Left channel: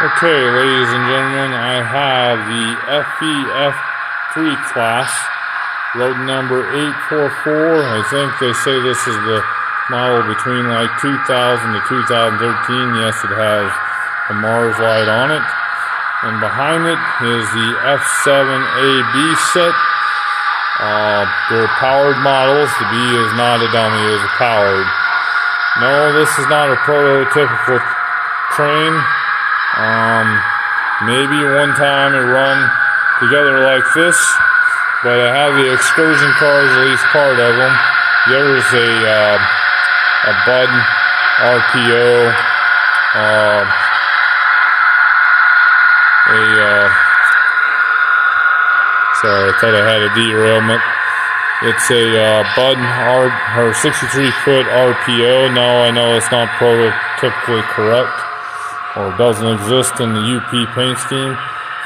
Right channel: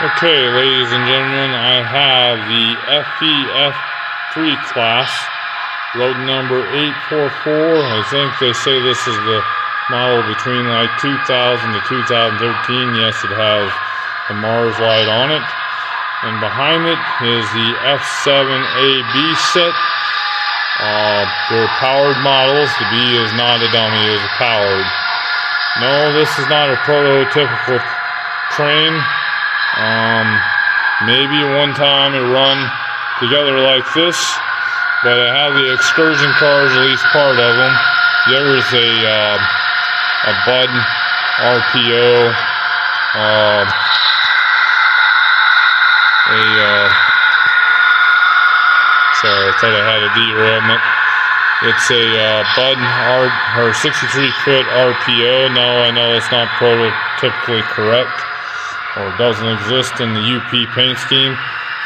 Okay, ladies and gentlemen, I have the FEF-3 class, load number 844. I think they say this is the model between like 2000 to 2013. Yes, it has a Mars light on it. And behind it is the F7AB set. They're powered models. The B is not a dummy, it is powered. No, this is not a prototypical train. Maybe one time it run together like this, but I have the excursion cars, at least part of them. The other is a Bud RPO, sorry, I thought I had a derailment. It's a Bud 63-foot RPO. No, I know it's not prototypically correct, or doesn't exist in the UP paint scheme.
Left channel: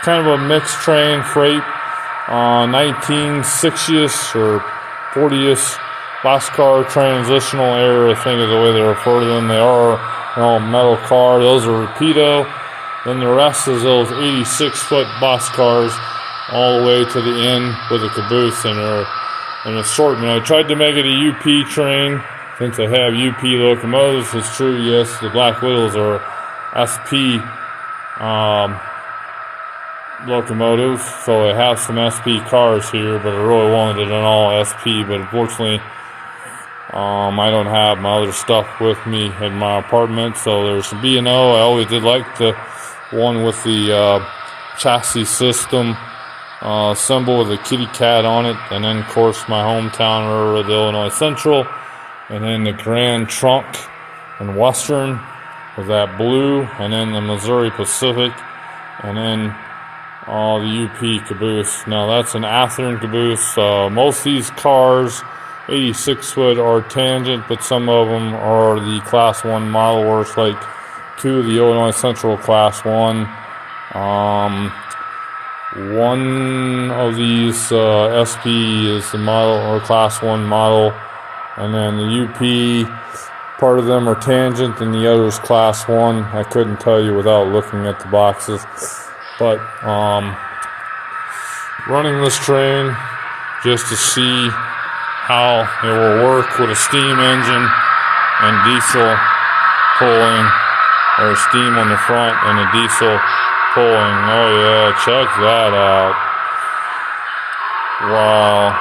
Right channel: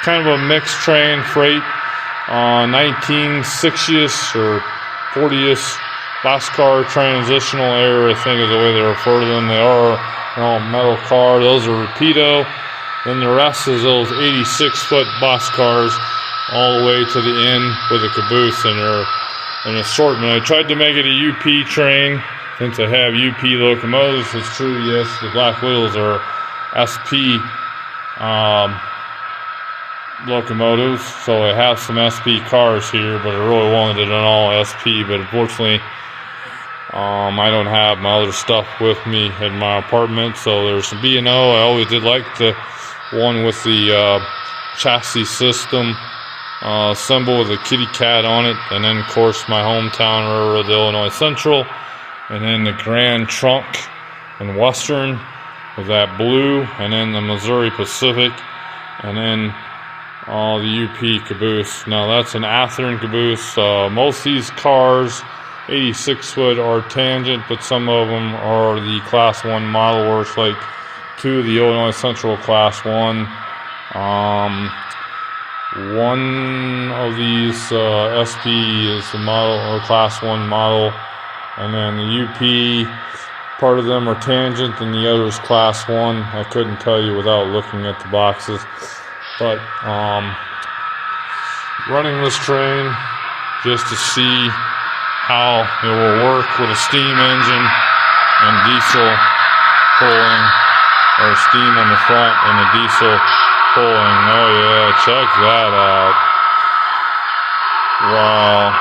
Kind of a mixed train, freight, 1960s or 40s boxcar transitional era, I think is the way they refer to them. They are all metal car. Those are Rapido. Then the rest is those 86-foot boxcars all the way to the end with a caboose, and they're an assortment. I tried to make it a UP train since I have UP locomotives. It's true, yes, the Black Widows are SP locomotives, so I have some SP cars here, but I really wanted it on all SP, but unfortunately I don't have my other stuff with me in my apartment. So there's some B&O. I always did like the one with the chassis system symbol with a kitty cat on it, and then of course my hometown railroad, the Illinois Central, and then the Grand Trunk and Western with that blue, and then the Missouri Pacific, and then the UP caboose. Now that's an Athearn caboose. Most of these cars, 86-foot, are tangent, but some of them are the Class 1 model, where it's like two of the Illinois Central Class 1. One of these SP is the model, or Class 1 model, and then the UP, part of them are tangent and the other is Class 1. I couldn't tell you without looking at the boxes. But running this train just to see how it will work with a steam engine and diesel pulling, or steam on the front and a diesel pulling. Oh yeah, check that out. Wow.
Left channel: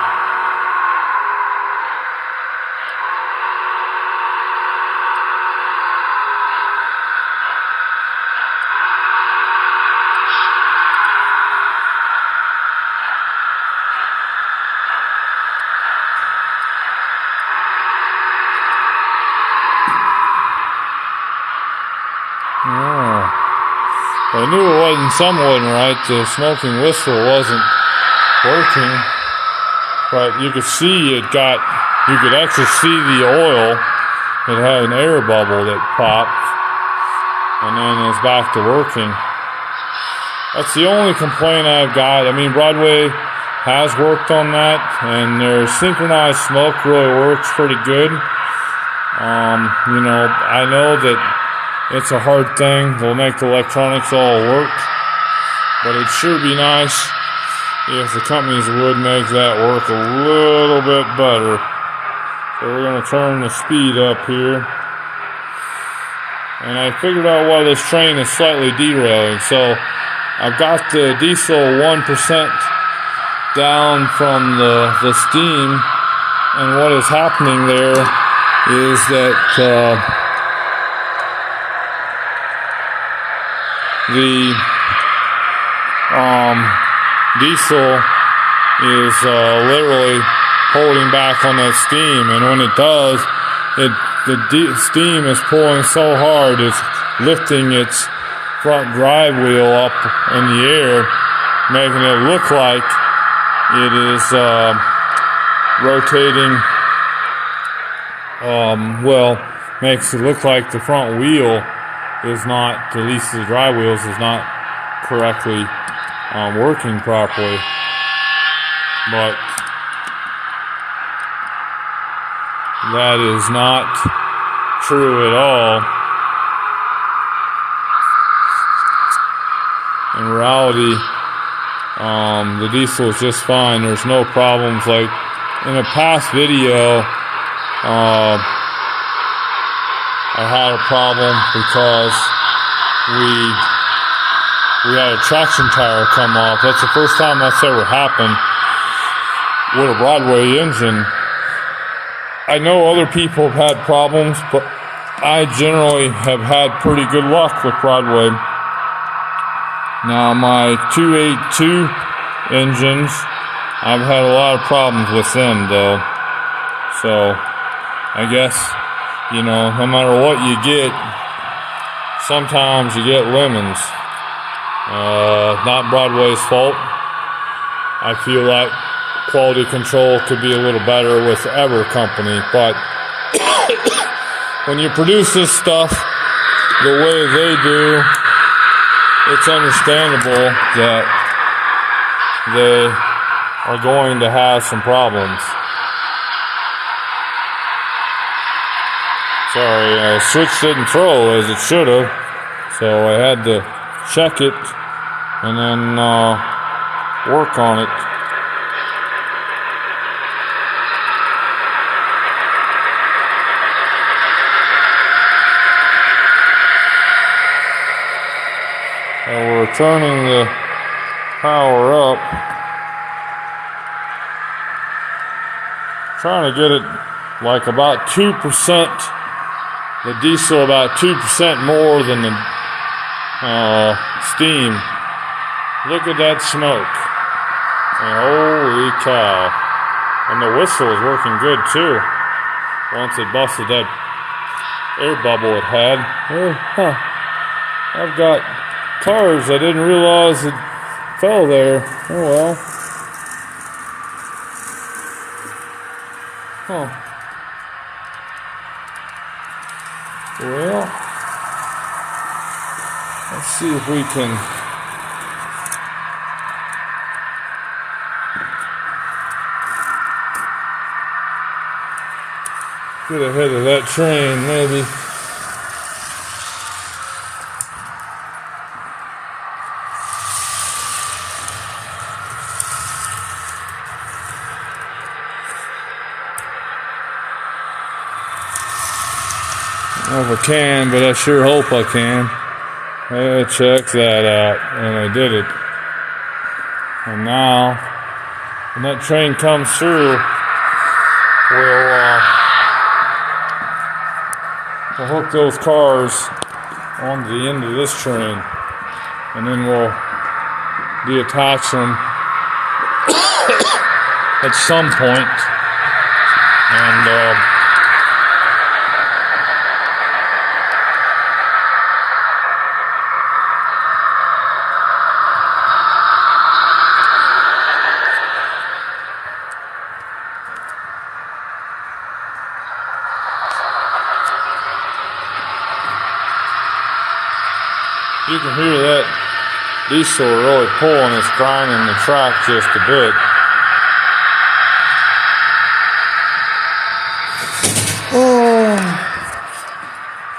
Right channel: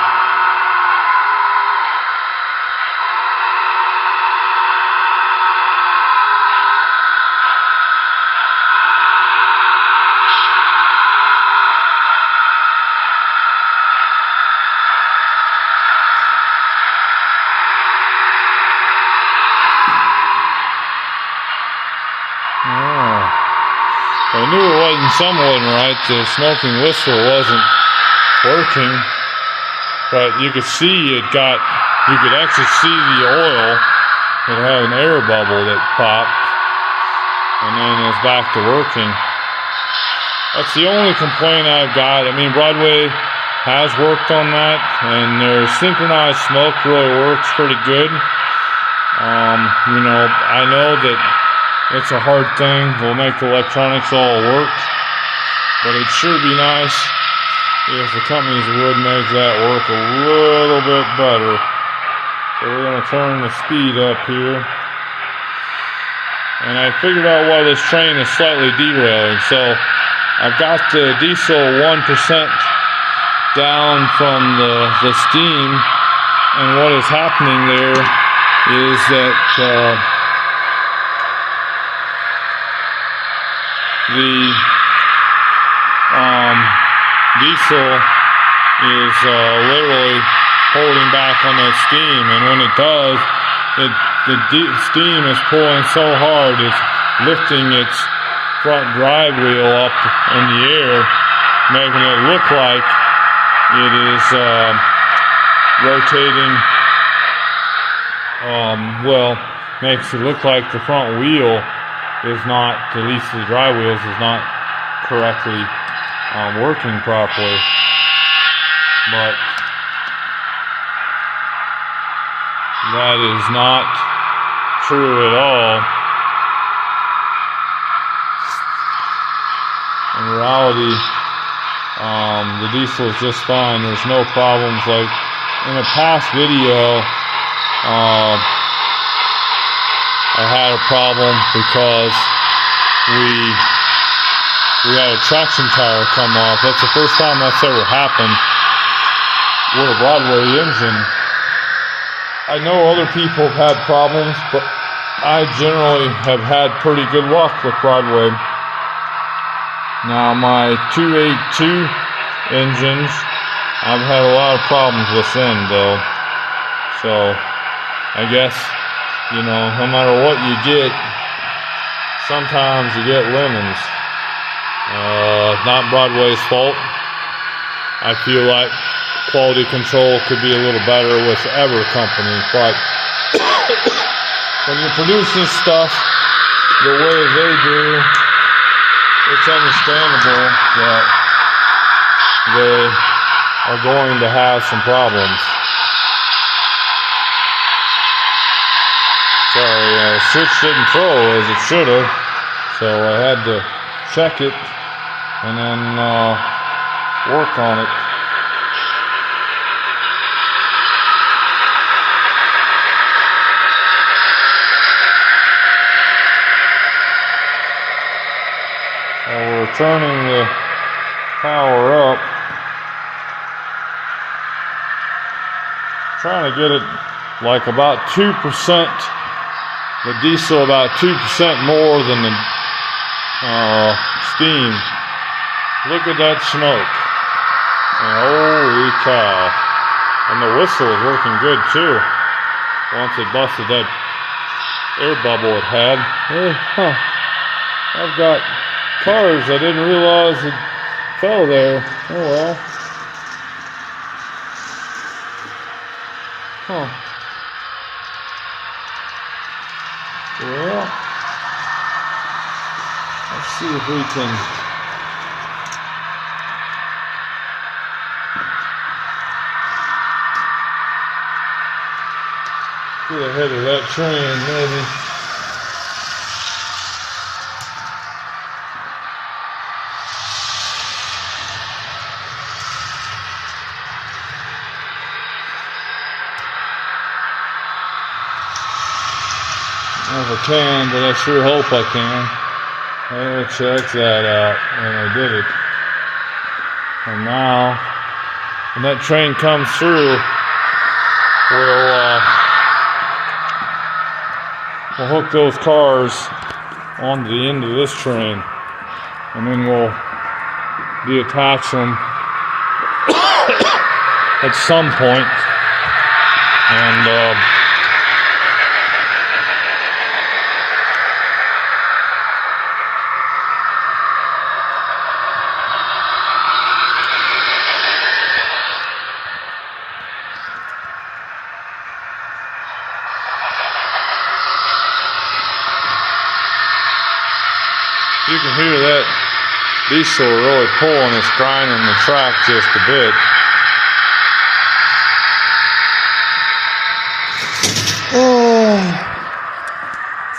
I knew it wasn't somewhat right. The smoking whistle wasn't working, but you could see you could actually see the oil. It had an air bubble that popped, and then it was back to working. That's the only complaint I've got. I mean, Broadway has worked on that, and their synchronized smoke really works pretty good. You know, I know that it's a hard thing. We'll make the electronics all work, but it'd sure be nice if the companies would make that work a little bit better. So we're going to turn the speed up here. And I figured out why this train is slightly derailing. So I've got the diesel 1% down from the steam, and what is happening there is that the diesel is literally holding back on that steam, and when it does, the steam is pulling so hard it's lifting its front drive wheel up in the air, making it look like it is rotating. Makes it look like the front wheel is not, at least the drive wheels, is not correctly working properly. But that is not true at all. in reality, the diesel is just fine. There's no problems. Like in a past video, I had a problem because we had a traction tire come off. That's the first time that's ever happened with a Broadway engine. I know other people have had problems, but I generally have had pretty good luck with Broadway. Now my 282 engines, I've had a lot of problems with them though. So I guess, you know, no matter what you get, sometimes you get lemons. Not Broadway's fault. I feel like quality control could be a little better with every company, but when you produce this stuff the way they do, it's understandable that they are going to have some problems. Sorry, switch didn't throw as it should have, so I had to check it and then work on it. We're turning the power up, trying to get it like about 2%, the diesel about 2% more than the steam. Look at that smoke, and holy cow. And the whistle is working good too, once it busted that air bubble it had. I've got cars I didn't realize it fell there. Oh well. Well, let's see if we can get ahead of that train, maybe. If I can, but I sure hope I can. Hey, check that out. And I did it. And now, when that train comes through, we'll hook those cars onto the end of this train. And then we'll deattach them at some point. And, you can hear that diesel really pulling, it's grinding the track just a bit. Oh.